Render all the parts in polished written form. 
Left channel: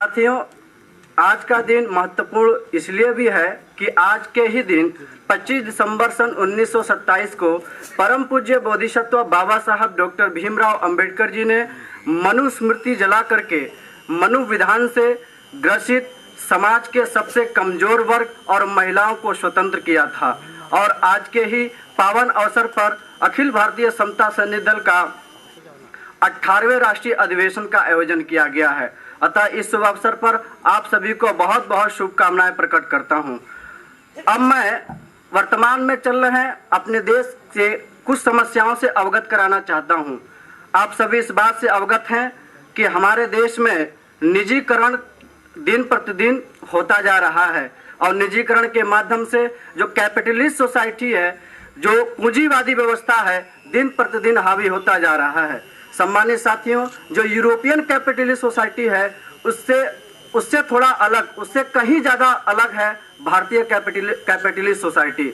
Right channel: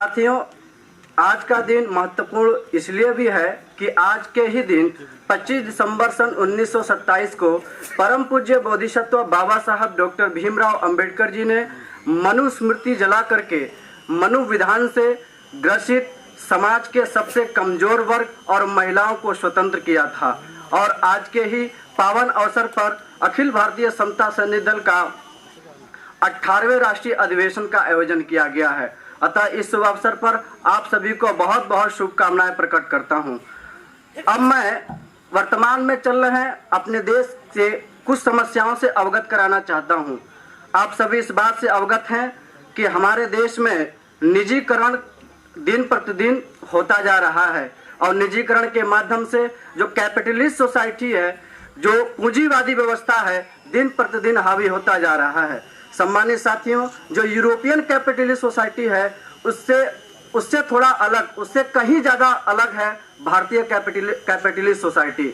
साथियों, आज का दिन महत्वपूर्ण इसलिए भी है कि आज के ही दिन 25 दिसंबर सन 1927 को परम पूज्य बोधिसत्व बाबा साहब डॉक्टर भीमराव अंबेडकर जी ने मनुस्मृति जला करके मनु विधान से ग्रसित समाज के सबसे कमजोर वर्ग और महिलाओं को स्वतंत्र किया था। और आज के ही पावन अवसर पर अखिल भारतीय समता सैनिक दल का 18वें राष्ट्रीय अधिवेशन का आयोजन किया गया है। अतः इस शुभ अवसर पर आप सभी को बहुत बहुत शुभकामनाएं प्रकट करता हूं। अब मैं वर्तमान में चल रहे अपने देश से कुछ समस्याओं से अवगत कराना चाहता हूं। आप सभी इस बात से अवगत हैं कि हमारे देश में निजीकरण दिन प्रतिदिन होता जा रहा है और निजीकरण के माध्यम से जो कैपिटलिस्ट सोसाइटी है, जो पूंजीवादी व्यवस्था है, दिन प्रतिदिन हावी होता जा रहा है। सम्मानित साथियों, जो यूरोपियन कैपिटलिस्ट सोसाइटी है उससे थोड़ा अलग, उससे कहीं ज्यादा अलग है भारतीय कैपिटलिस्ट सोसाइटी।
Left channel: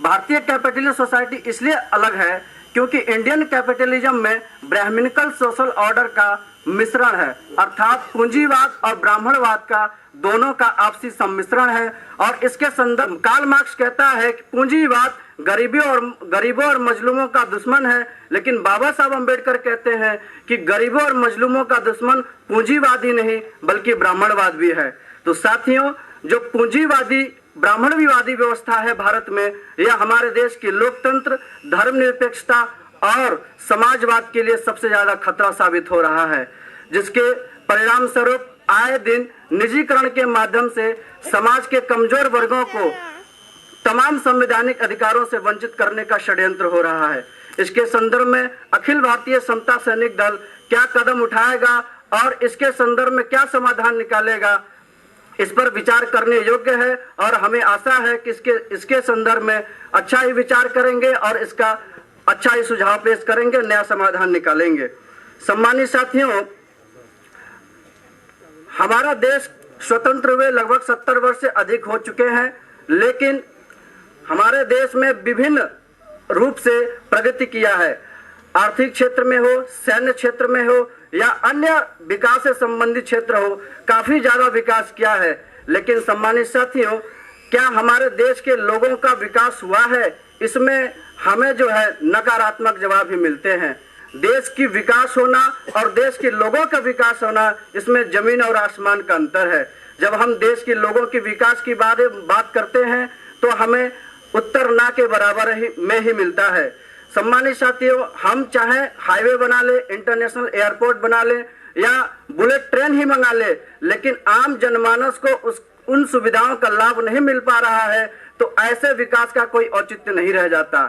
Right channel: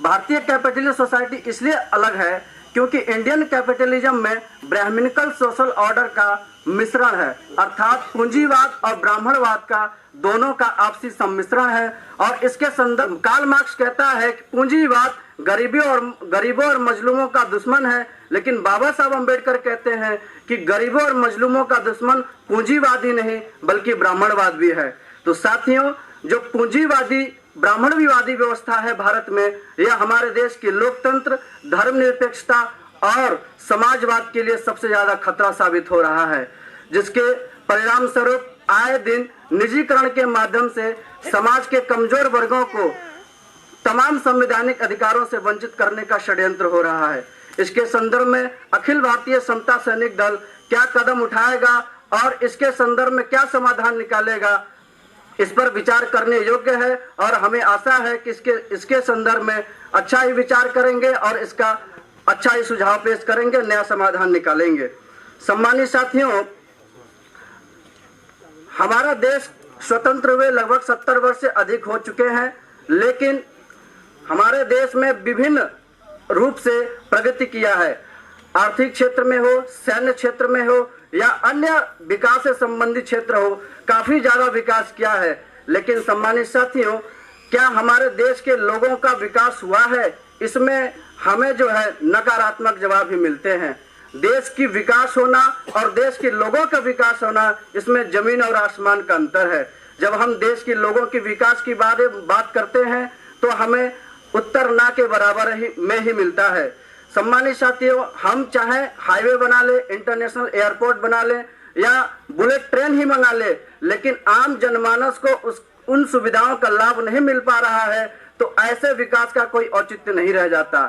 भारतीय कैपिटलिस्ट सोसाइटी इसलिए अलग है क्योंकि इंडियन कैपिटलिज्म में ब्राह्मणिकल सोशल ऑर्डर का मिश्रण है, अर्थात पूंजीवाद और ब्राह्मणवाद का दोनों का आपसी सम्मिश्रण है। और इसके संदर्भ कार्ल मार्क्स कहता है कि पूंजीवाद गरीबों और मजलूमों का दुश्मन है, लेकिन बाबा साहब अम्बेडकर कहते हैं कि गरीबों और मजलूमों का दुश्मन पूंजीवाद ही नहीं बल्कि ब्राह्मणवाद भी है। तो साथियों, जो पूंजीवादी ब्राह्मणवादी व्यवस्था है भारत में, यह हमारे देश की लोकतंत्र, धर्मनिरपेक्षता और समाजवाद के लिए सबसे ज्यादा खतरा साबित हो रहा है, जिसके परिणाम स्वरूप आए दिन निजीकरण के माध्यम से समाज के कमजोर वर्गों को तमाम संवैधानिक अधिकारों से वंचित करने का षड्यंत्र हो रहा है। इसके संदर्भ में अखिल भारतीय समता सैनिक दल क्या कदम उठाएगा और इसके संदर्भ में क्या समाधान निकालेगा, इस पर विचार करने योग्य है। और हमें आशा है कि इसके संदर्भ में अच्छा ही विचार करेंगे और इसका अच्छा ही सुझाव पेश करेंगे, नया समाधान निकालेंगे। सम्मानित साथियों, हमारा देश स्वतंत्र हुए लगभग 70 वर्ष से अधिक हो चुके हैं, लेकिन हमारे देश में विभिन्न रूप से प्रगति किया है। आर्थिक क्षेत्र में हो, सैन्य क्षेत्र में हो या अन्य विकास से संबंधित क्षेत्र हो, काफी ज्यादा विकास किया है। लेकिन सम्मानित साथियों, क्या हमारे देश के लोगों का विकास हुआ है? इसमें हमें जो है नकारात्मक जवाब भी मिलते हैं। देश की विकास होना और देश के लोगों का विकास होना, इसमें जमीन और आसमान का अंतर है। जब हम देश के लोगों के विकास की बात करते हैं तो हमें उत्तर ना के बराबर में ही मिलता है। सम्मानित साथियों, हम चाहे हाईवे बना ले, इंटरनेशनल एयरपोर्ट बना ले या बुलेट ट्रेन ही मंगा ले, लेकिन आम जनमानस को उन सुविधाओं का लाभ नहीं मिल पा रहा है, तो ऐसे विकास का कोई औचित्य नहीं रह जाता।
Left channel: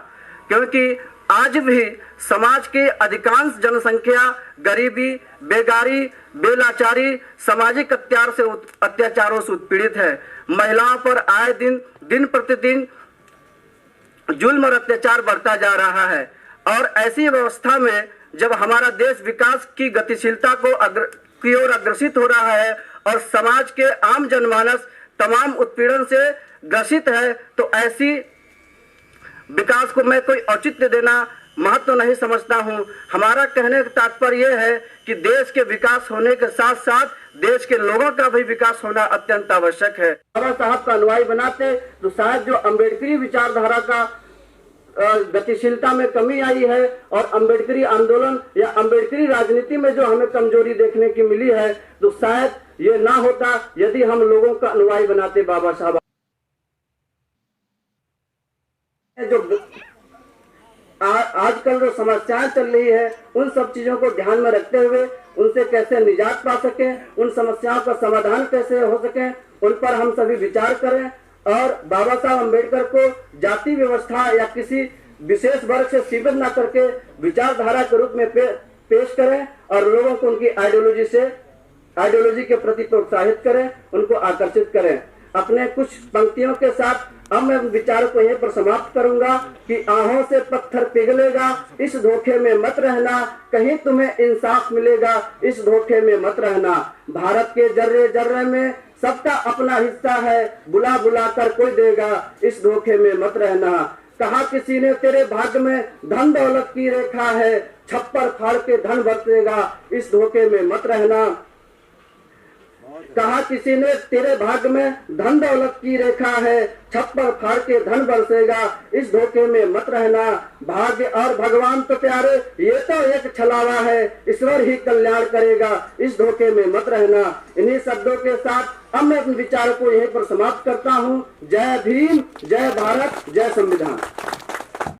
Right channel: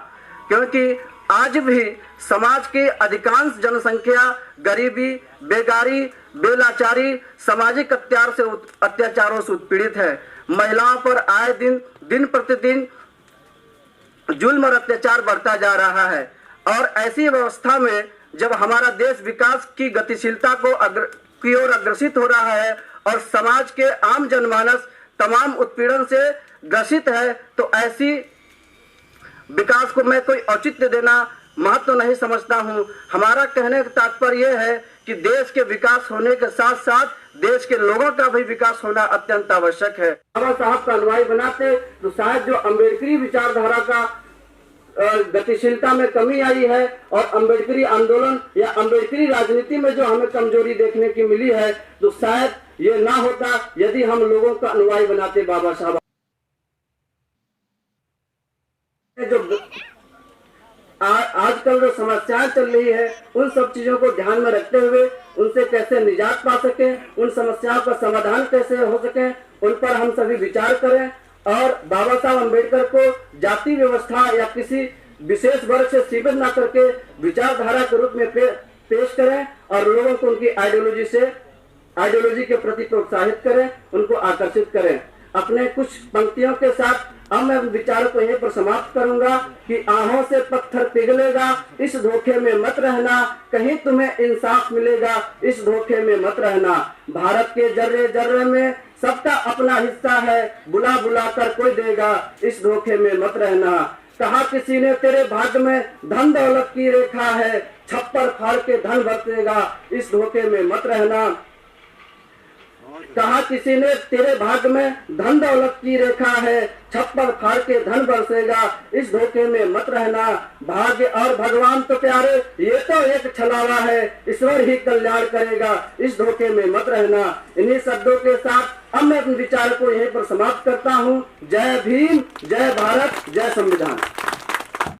क्योंकि आज भी समाज के अधिकांश जनसंख्या गरीबी, बेगारी, बेलाचारी, सामाजिक अत्याचारों से उत्पीड़ित है। महिलाओं पर आए दिन प्रतिदिन जुल्म और अत्याचार बढ़ता जा रहा है। और ऐसी व्यवस्था में जब हमारा देश विकास की गतिशीलता की ओर अग्रसित हो रहा है और समाज के आम जनमानस तमाम उत्पीड़न से ग्रसित है, तो ऐसी विकास को मैं कोई औचित्य देना महत्व नहीं समझता हूं। हमारा कहने का तात्पर्य यह है कि देश के विकास होने के साथ साथ देश के लोगों का भी विकास होना अत्यंत आवश्यक है। बाबा साहब का अनुयायी बनाते तो शायद जो अम्बेडकरी विचारधारा का गतिशीलता में कमी आई है और अम्बेडकरी आंदोलन या अम्बेडकरी राजनीति में जो हमें कमजोरी देखने की मिली है, तो शायद ये ना होता यदि हम लोगों का अनुयायी बनाते बाबा साहब। जो आजकल जो समस्याएं चल रही है, उन सब चीजों को ध्यान में रखते हुए उनसे कैसे निजात पा सके, उन समस्याओं का समाधान कैसे हो सके, उन पर हम सभी विचार करें और बाबा साहब अम्बेडकर को जाति व्यवस्था या किसी विशेष वर्ग से सीमित न करके विचारधारा के रूप में पेश करें और लोगों को उनकी आइडियोलॉजी के प्रति प्रोत्साहित करें, उनको आकर्षित करें। अपने कुछ पंक्तियों के साथ अब मैं विचार को यहीं पर समाप्त करूंगा कि आहों से पत्थर पिघलेगा, इस धोखे में मत रहना, कहीं तुम्हें इंसाफ मिलेगा, इस धोखे में मत रहना। भारत के जर्रे जर्रे में सबका अपना हिस्सा है, बुला बुला कर कोई देगा, इस धोखे में मत रहना। कहा किसी ने तेरे भाग्य में धन दौलत की रेखा है, छप्पर फाड़ के धन बरसेगा, इस धोखे में मत रहना। कहा किसी ने तेरे भाग्य में धन दौलत की रेखा है, छप्पर फाड़ के धन बरसेगा, इस धोखे में मत रहना। भाग्य और भगवान तो प्यारे ये तो एक छलावा है, ईश्वर ही कल्याण करेगा, इस धोखे में मत रहना। इन्हीं शब्दों के साथ अब मैं अपने विचार को यहीं पर समाप्त करता हूँ। जय भीम, जय भारत, जय संविधान।